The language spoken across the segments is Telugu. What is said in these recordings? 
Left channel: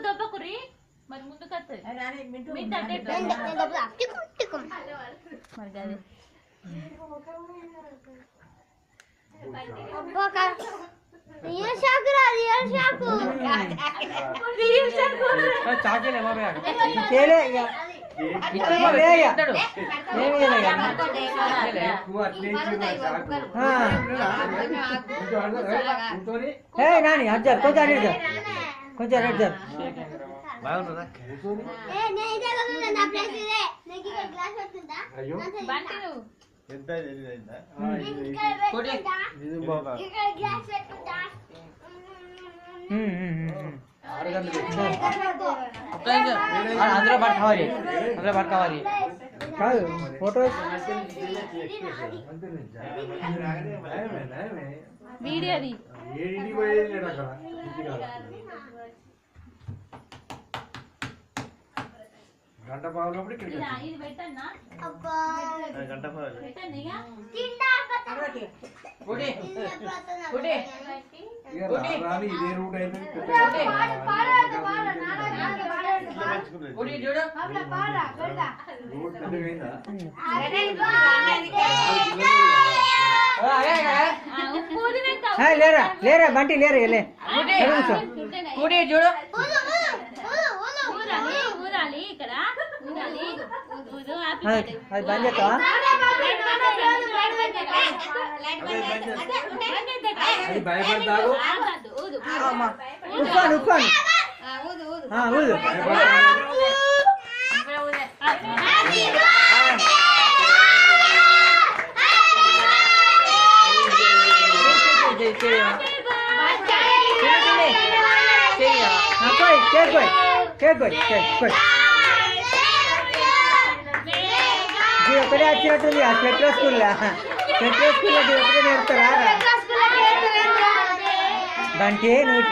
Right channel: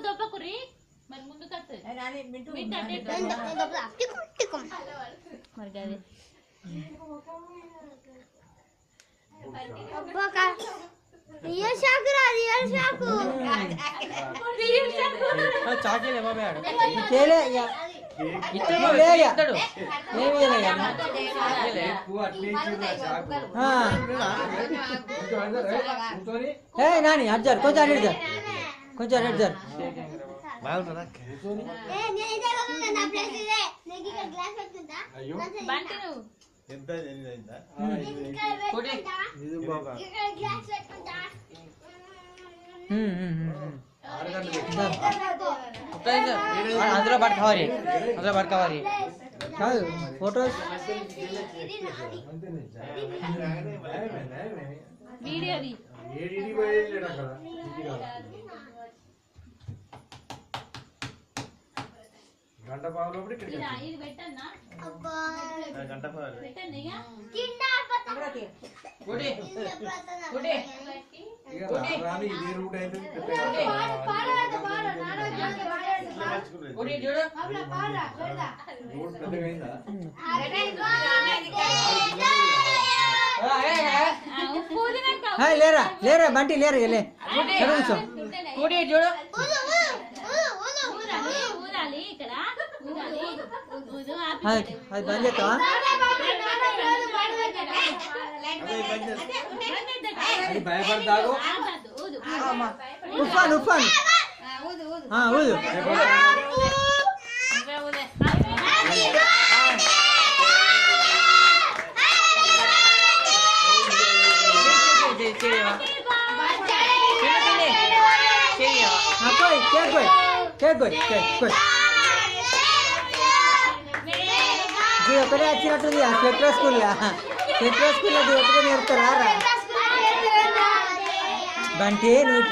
దొబ్బకురి మరి ముందు నాని అడ్జర్ కొంచెం అడ్జర్ కొంచెం అడ్జర్ అందులో పట్టుకోవాలి అందులో పట్టుకోవాలి కాదు ఫోటో వీడియోది గంట పావులోపడి గంట పావులు ఇదే రూట్ అయితే లేరా లేరా బంటి లేరా చూడు అది బంద్ చేస్తావా అది భయపడతాడు ఉఫాన్ ఉఫాన్ ఊదు ఒకటే వచ్చినట్టుంది సెంట్రల్ స్కూల్లో ఒకటే నేర్పుతారా బంటి నువ్వు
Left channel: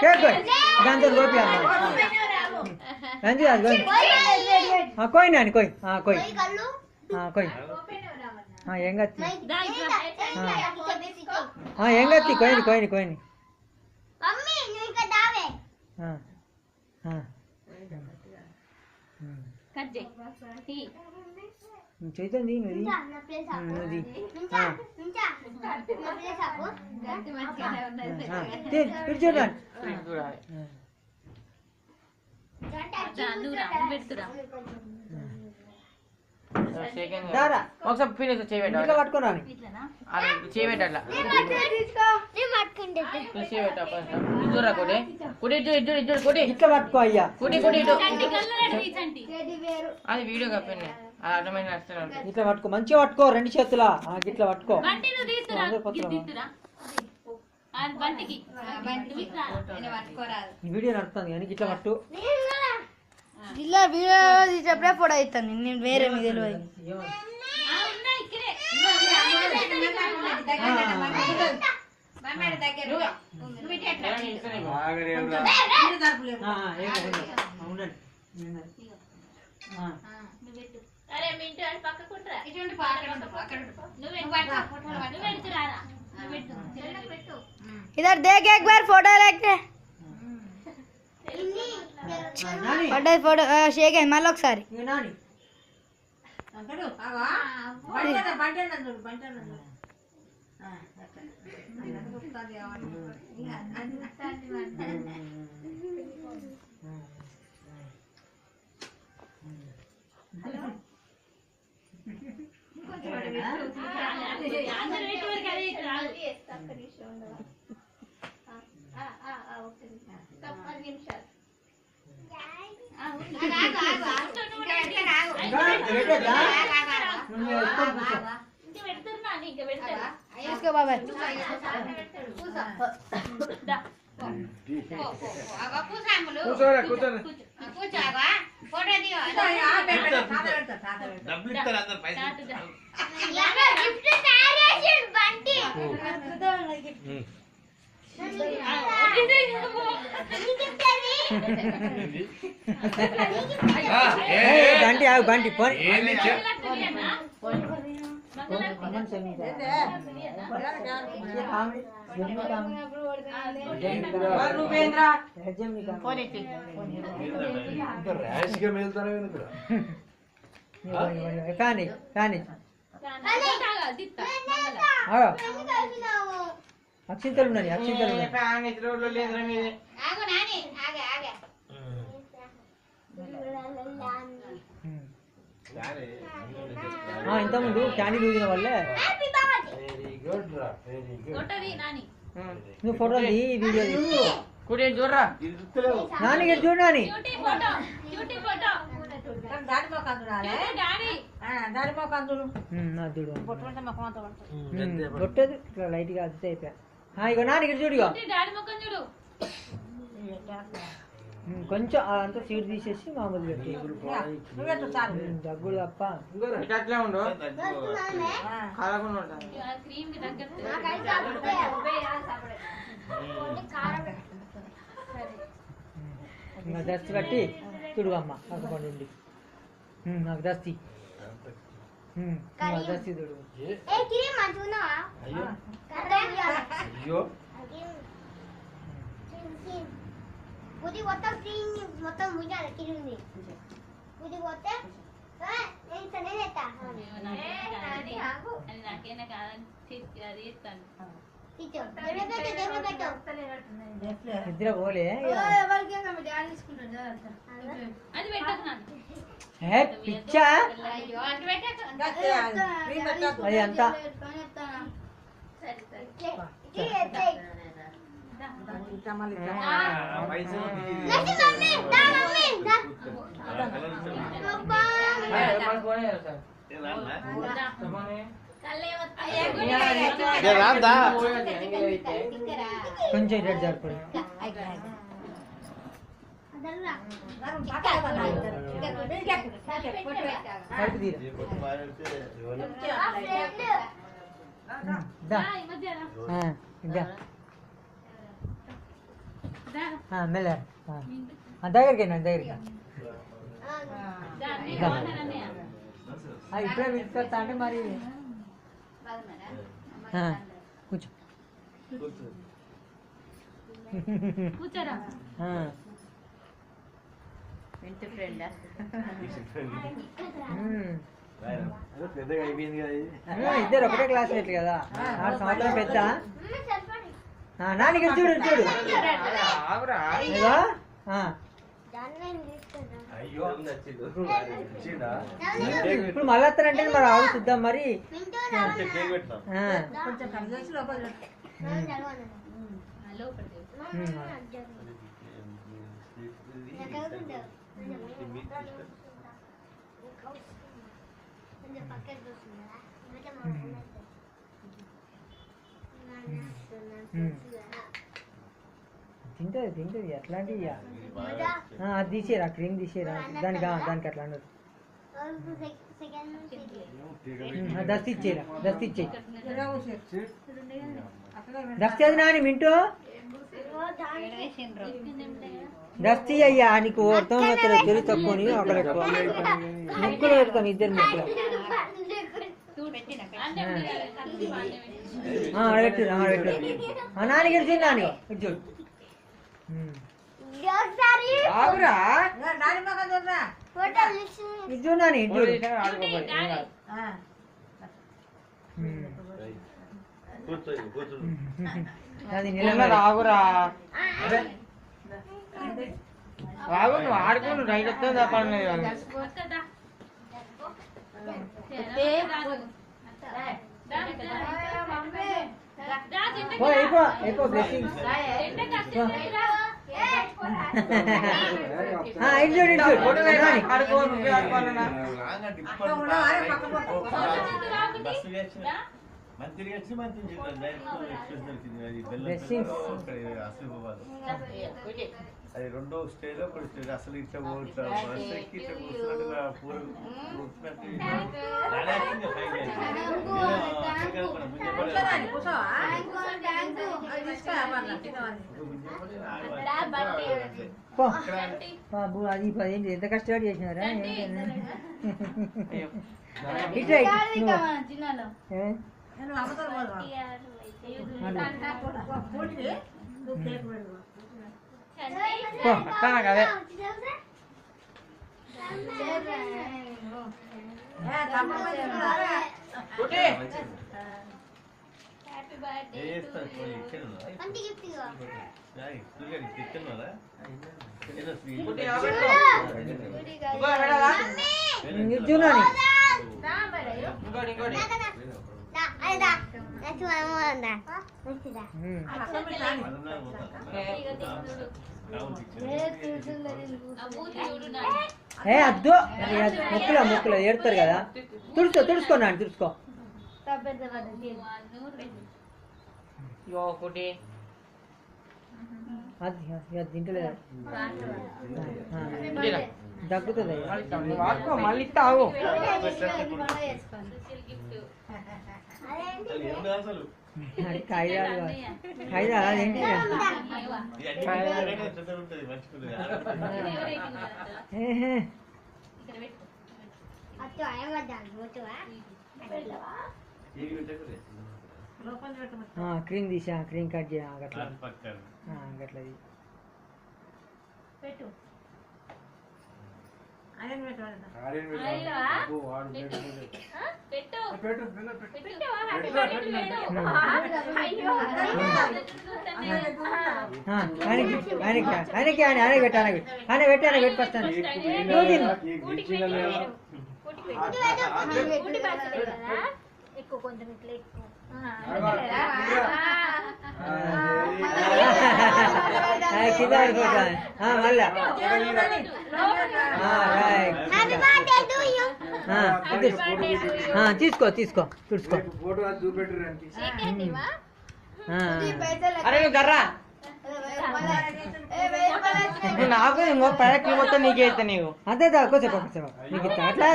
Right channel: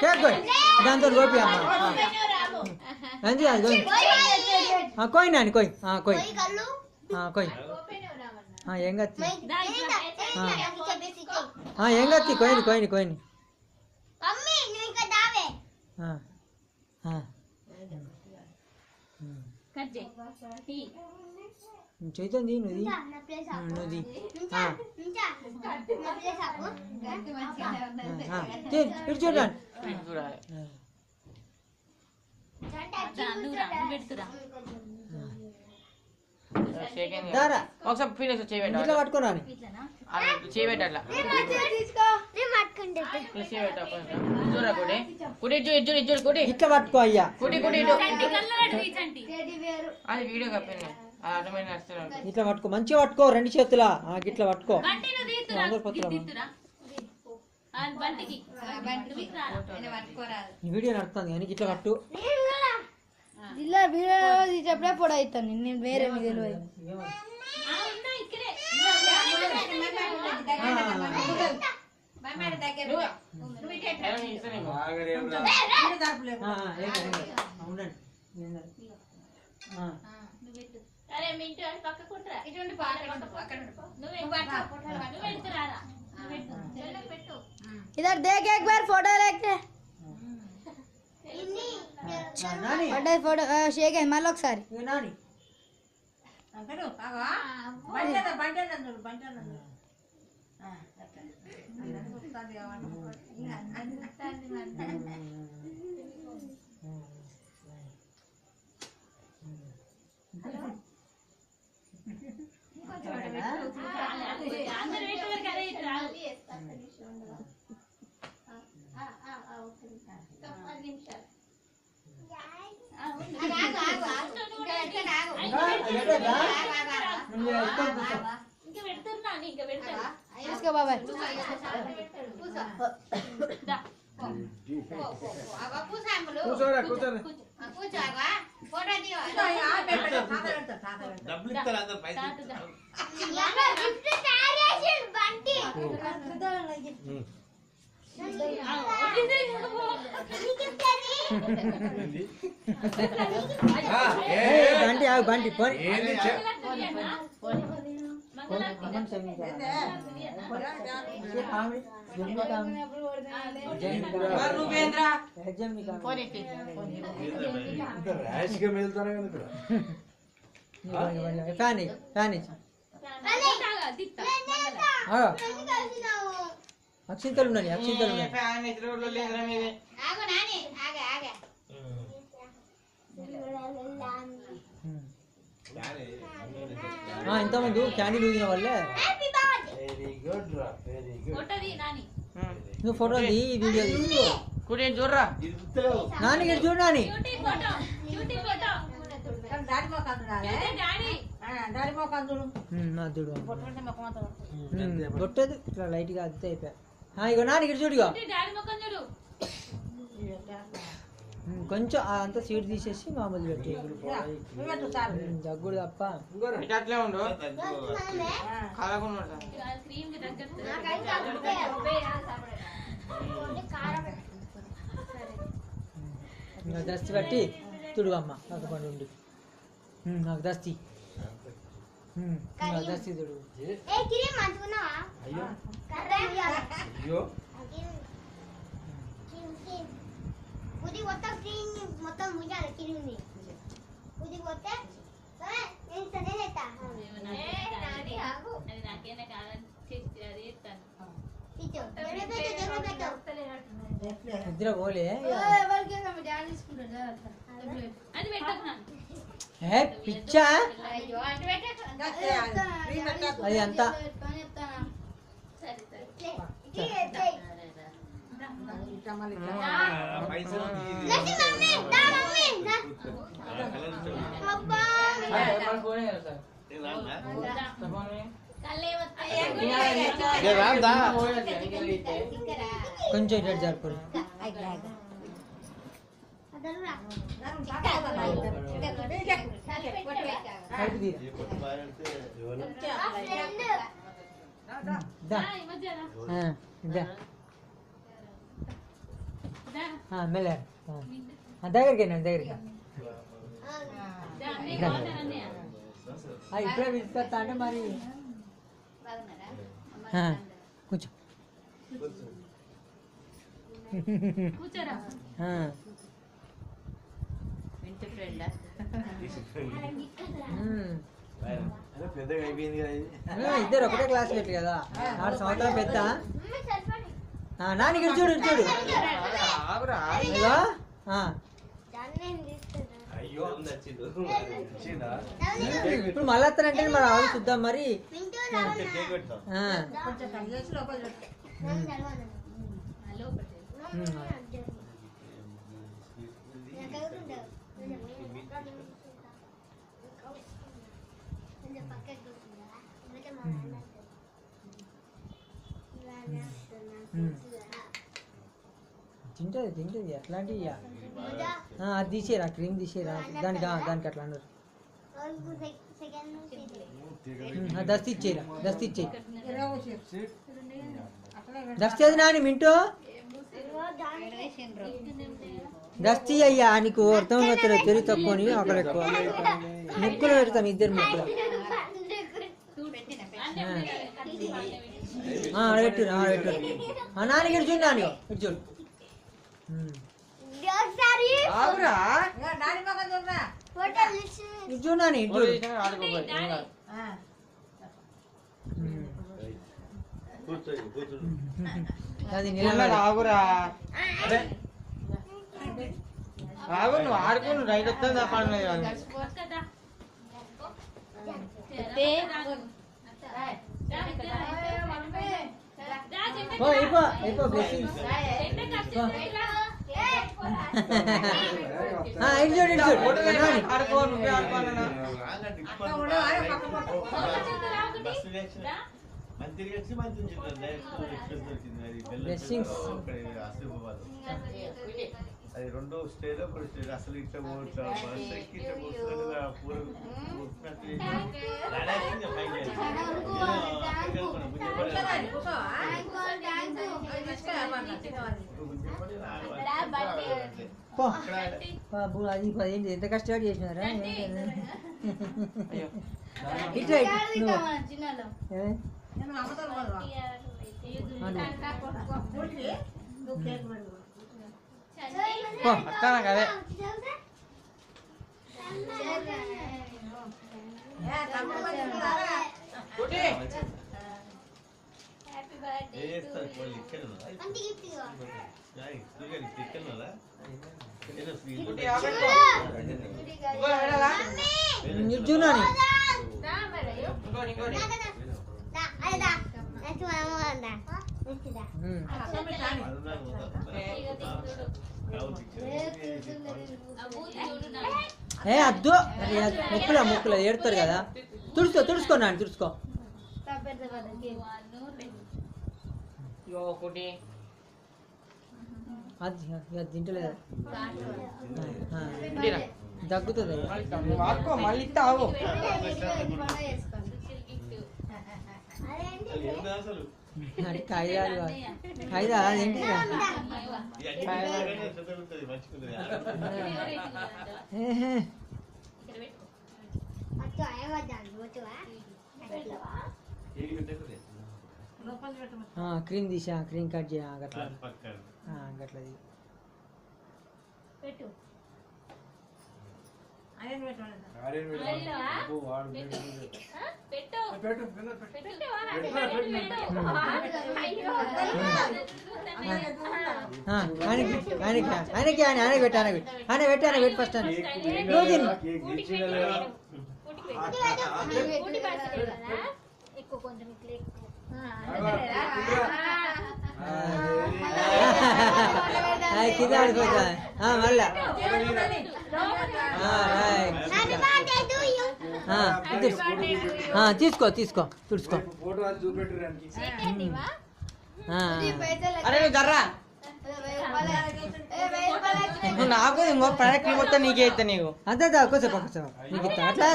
కేక్ కోయ్ దాంతో గోపి మంచిగా కోయ్ నాని కోయ్ కోయ్ కోయ్ ఏం గత్తి ఏం గత్తి కోయిని కోయిని కోయిని చైతంది నువ్వు చూడండి ఒకసారి పట్టుకోరా ఇట్లా పట్టుకో అయ్యా ఇట్లా పట్టుకో మంచిగా పట్టుకో రెండు చేతుల ఇట్లా పట్టుకో వీడియో నడుస్తుంది కానీ ఇట్లా పట్టు ఇలా వీడియో తీసేప్పుడే ఫోటో అవుతాను నేను వేరే మీకు తెలియదు इधर देख एक बार फोटो लेके पढ़ाई फोटो शेक है मालोक सारी इसके बाबा కూర్చోరా కూర్చోరా డబ్బులు ఇస్తారు అందరు పైసలు బంటి ఆగు బంటి పోనీ ఫ్యాన్ ఫ్యాన్ అక్షింతలు ఉన్నాయి అక్షింతలు ఉన్నాయి ఇంతకుముందు క్యాండిల్ ఊదిన వాళ్ళే నువ్వు ఫోటోలు తీ వీడియో చూడరా నాని ఇక్కడ చూడు నాని కొట్టదు ఇట్లా లైట్ గా అదితే అయిపోయా ఇగో నాని ఇక్కడ చూడు ఇగో కొంచెం అంతా సీడ్ తీసేసి మామూలు పెట్టి దగ్గుడు తప్ప దస్తి కట్టి తుడుగమ్మ పక్కపండి ఉండి నాకు దస్తి దస్తి తుడుగు ఉది మొత్తం క్లీన్ మొత్తం ముయ్యాలి కిరింది ఉది పోతే నేను సనే చేస్తా అది నాకేనా కాదని అది ఇస్తాను నిద్ర పోలే అది పెట్టకు పిచ్చా అది అంతా కొంచెం ఇటు జరుపుకోండి మెల్ల దగ్గరికి దగ్గరికి ఇప్పుడే పిలుస్తా అంటే మరి కూర్చో కూర్చోరా ఇద్దరు ఒకటే క్లాస్ రేట్లు కదా 4 సంవత్సరాలు పెద్ద నాని ఇక్కడ చూడు చూడు ఇప్పుడు మళ్ళీ వస్తానంటే మరి ఆవు చూద్దాం మరి తింటది తింటది అట్లాంటివి అది తీసేరా క్రీమ్ తీసేరా దానికి అట్లా అన్నారు దస్తి ఇచ్చేరా దస్తి ఇచ్చేయి దస్తి అది నాని మింటూ దస్తి అయ్యా నీకు అర్థం అవుతారు తెలుగు తక్కువని అక్కడ ఎక్కువ ముక్కులు పెడతాం ఇద్దరు ముక్కులు పెట్టు నాని ఇక్కడ చూడు నాని ఇటు చూడు ఇటు చూడు నాని ఇటు చూడు అది నిలబడి ఆడుకోను రైట్ వస్తుందా అయిపో బ్లెస్సింగ్స్ ఇటు చూడు ఇటు చూడు బ్లెస్సింగ్స్ అది రెండో స్టేజ్ ఒకటి స్టేజ్ అసలు ఇట్లా పోతా బస్ ఎక్కి ఇట్లా కూర్చున్నట్టుగా పూరకు బాబు అది ఏంటి ఎంత కష్టపడి చేసినారా ఇట్లా చిన్నలో అవే చూడండి ఏ అద్దు మొక్కులు ఏడుతారు కదా తుడుచుకో నాన్న తుడుచుకో అది తింటలేదు దగ్గుతుంది మళ్ళీ తావు అసలు ఖైదా అదేంటి క్రీమ్ తీసా క్రీమ్ కట్ చేయ గట్లది పెట్టు ఆయనకి పెట్టి ఫస్ట్ ఎక్కువ కొంచెం ఇట్లా ఎక్కువ కింద పడిపోతా మళ్ళా తీసుకో తుడుచుకో అరే నువ్వు జర్రా నాకు ప్రొడక్ట్ మొత్తం నీకే ఇస్తా నీకు అదే కొంచెం నీకు ఇస్తా అట్లా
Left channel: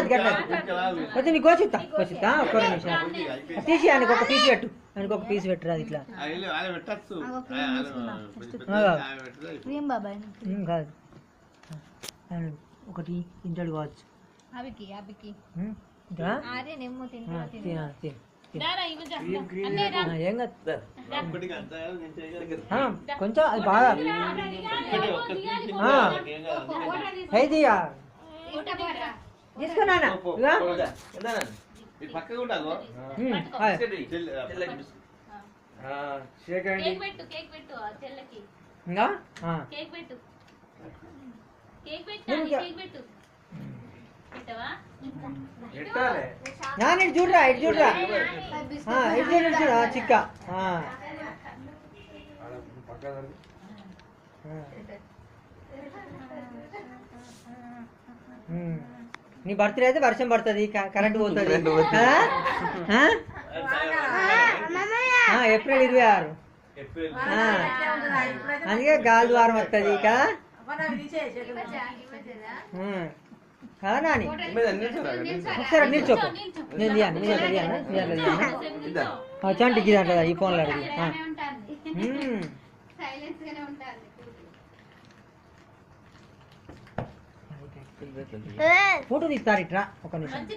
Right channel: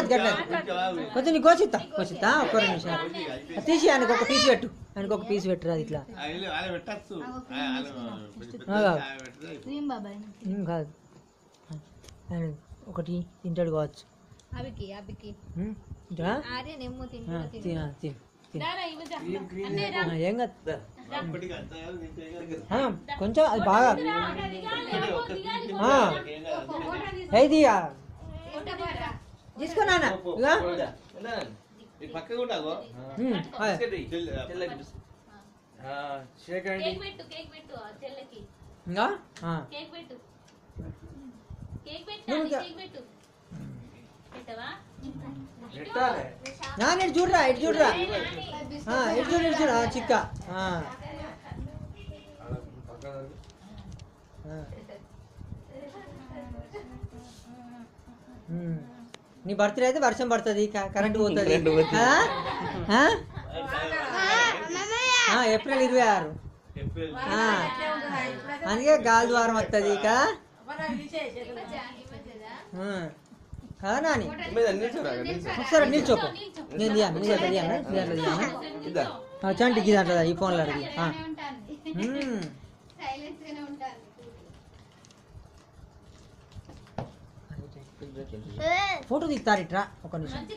కొంచెం నీకు కోసిస్తా ఒక్క నిమిషం తీసి ఆయనకు ఒక పీస్ పెట్టు పెట్టు అది ఇట్లా కాదు ఒకటి తింటాడు కావచ్చు ఏం కాదు కొంచెం అది బాగా తీసుకున్నా చూడరా ఇటు చూడరా చిక్క నీ బర్త్డే అయితే వర్షం పడుతుంది కరెంట్ పోతుంది ఏప్రిల్ 26 అందుకే గాలి ద్వారం వస్తుంది కదా నాని ఒకసారి నిల్చోకు నేను చంటికి దాంట్లో ఈ ఫోన్లో అడిగి ఫోటో తీస్తారు ఇట్రా ఒక నిమిషం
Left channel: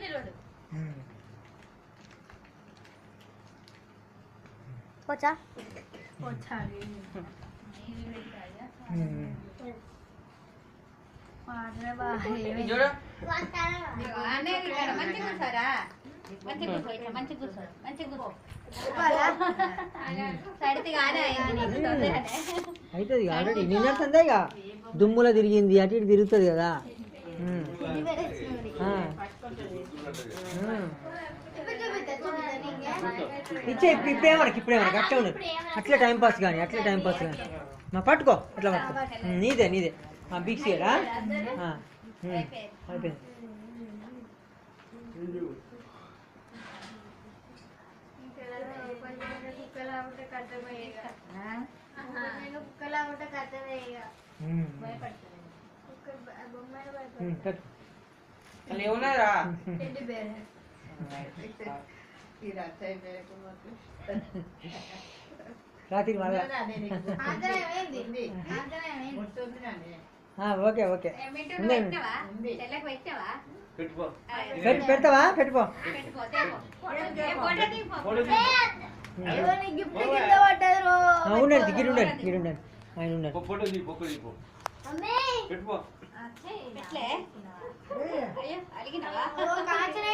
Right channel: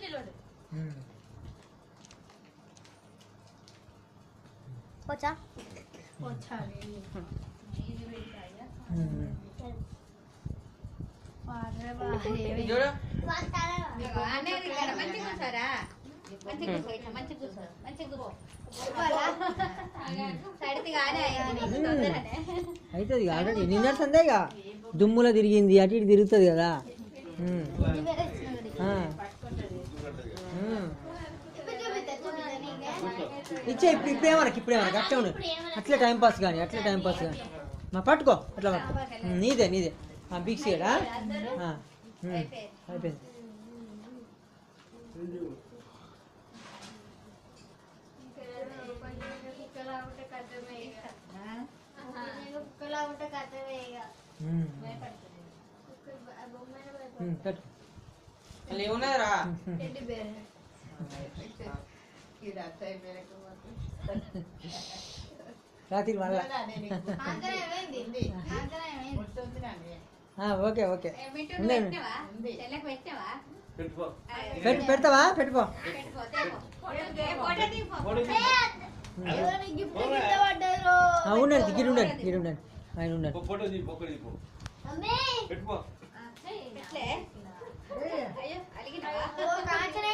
అవుతుంది ఆల్రెడీ నిన్న సందేగా దుమ్ములో తిరిగింది అటు ఇటు తిరుగుతుంది కదా ఇప్పుడేమనకి అట్లా ఉండదు అట్లా టైంపాస్ కానీ మా పట్టుకో అట్లా పట్టుకో నీదే బిగ్ సీడా అయిపోయింది భయపడతాడు. పెట్టు వాళ్ళు ఏమున్నారా టెడ్డీ బేర్ రాత్రి మళ్ళా ఆంజనేయం ఏంది ఆంజనేయం ఏంది ఓకే ఓకే ఉన్నాయి. తెల్లకి పెట్టావా? పెట్టుకో పెడతావా పెట్టుకో పెట్టుకో, తేపో. ఫోటో తీ. గిఫ్ట్ కింద పడ్డారు ఉండండి గిరి ఉండండి గిరి ఉండండి ఆయన ఉండండి ఫోటో తీ, ఫోటో తీపో. మమ్మీ పెట్టుకో పెట్లే? అయ్యో, అలిగినావా? కాంచన